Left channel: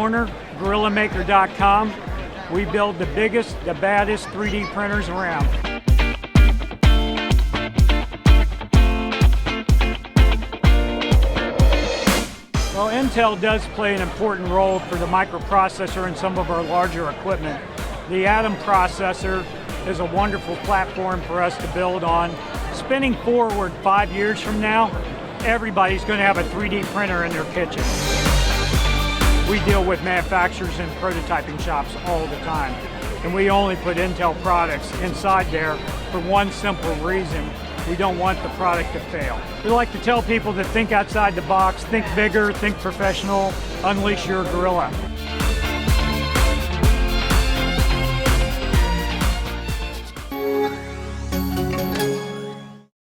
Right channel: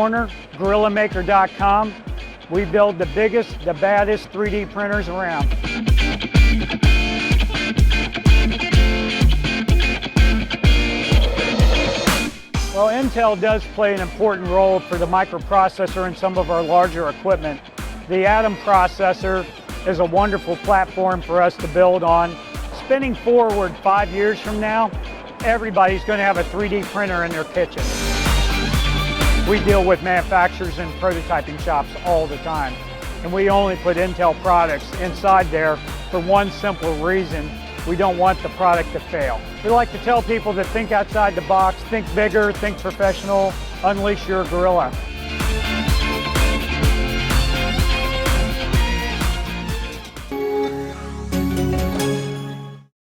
Warner, GorillaMaker.com. We build the biggest, the baddest 3D printers around. Well, Intel does play an important role for the microprocessor in some of our larger equipment. The Atom processor is a wonderful platform for us to build on. Spinning forward 5 years from now, everybody's going to have a 3D printer in their kitchen. We deal with manufacturers and prototyping shops all the time, and we only put Intel products inside there for one simple reason: we don't want the product to fail. We like to tell people to think outside the box, think bigger, think professional, unleash your gorilla.